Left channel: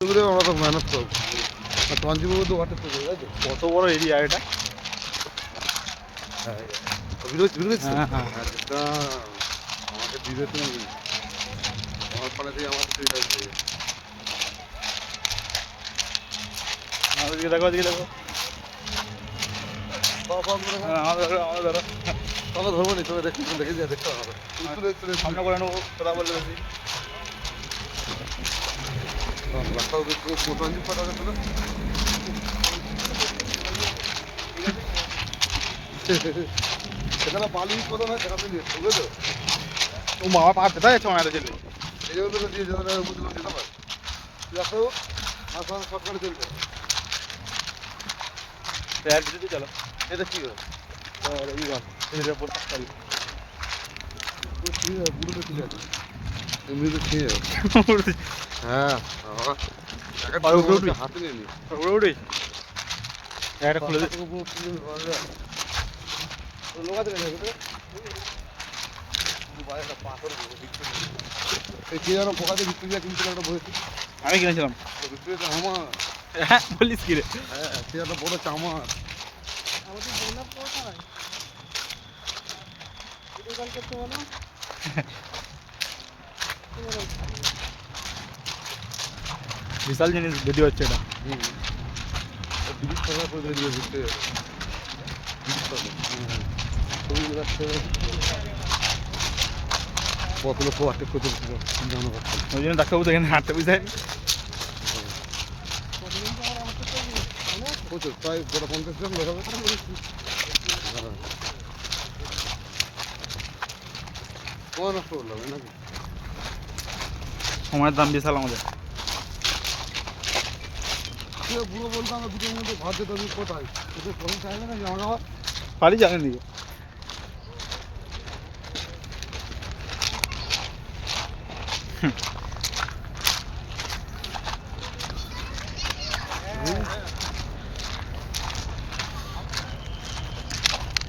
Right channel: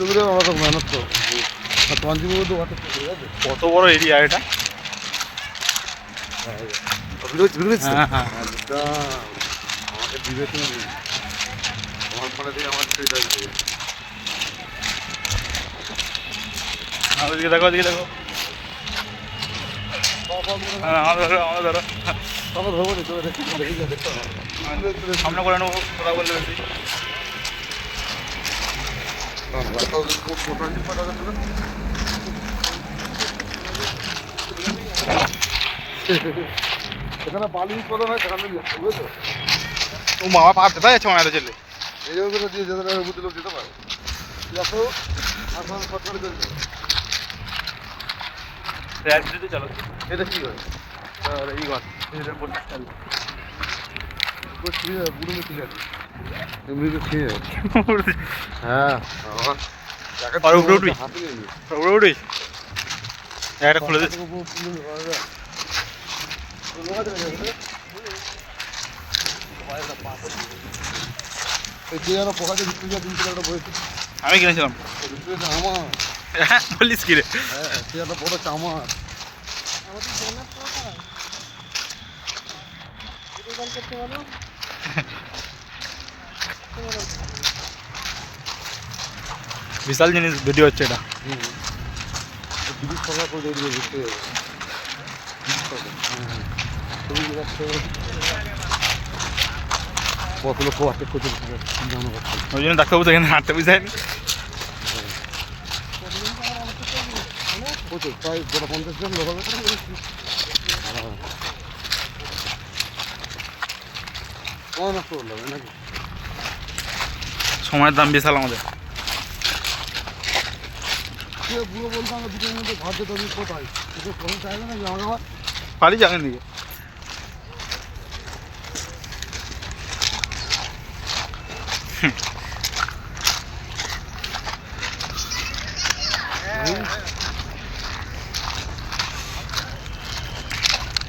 আমরা তো মেহনত করবো। আর তোমার জীবনে তো হঠাৎ করে ঠিক আছে। কত বড় এরিয়া এটা? হ্যাঁ হ্যাঁ আমাকে বিবেচনা নেই। আমার পরে দিয়ে আমার সুবিধা করবে। ওদিকে দেখো ওদিকে দেখো। হ্যাঁ আমাদের ধরো আমাদের ধরো। তবে ধরবো নি তোকে দেখতে দেখে যা দেখতে হবে। সামনে করে নেবো কথা বললে বেশি। সেখানে বালি করে না সেখানে বুঝলো ও মামা পা ব্যথা যাচ্ছে মনে হয় চলে। এইগুলো দিয়ে যেতে পারে বুঝলো দিতে পারে দেখো আসাম সরকার চলছে যদি চলো এটা কি হয় এই ঘর রিপোর্টটা চালু বুড়ো ঠিক আছে এমনি তো ঠিক আছে হ্যাঁ আর উপরে উঠবি হাতে নেই উপরে উঠবি একটা খুলে দে আমি কিনেছিলাম বলিস কি রে বড় চামা বিশাল জিনিস ভিডিও হচ্ছে এটা ব্রিটিশ সরকার করে দিয়ে ঘুরতে যাবে কত লোক আটেক করতে জানো কথা ওই জন্য ডাক্তারবাবু তো এখানে হাঁটতে বুঝায়নি প্রচুর প্রায় গোটা 50 জন লোক হবে কখন নষ্ট করলাম নাকি সময়ের দাম বিশাল আমাদের পুরো বলতাম দুটোর মধ্যে ঘর যেতে হবে কোথায় একটু পয়সা চাইবে না জামা খাবার বাড়ি যাবেন দিকে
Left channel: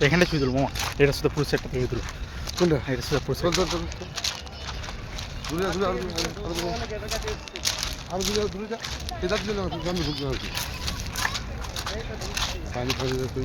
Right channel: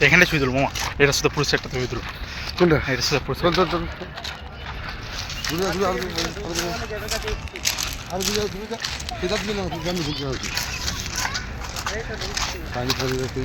এখানে ছুঁয়ে তুলো মামা এটা শুধু পুরুষ একটা তুমি তুলো কোনটা এটা শুধু পুরুষ চল চল চল আর দিকে না জানি ভুল পানি ফানি রেখে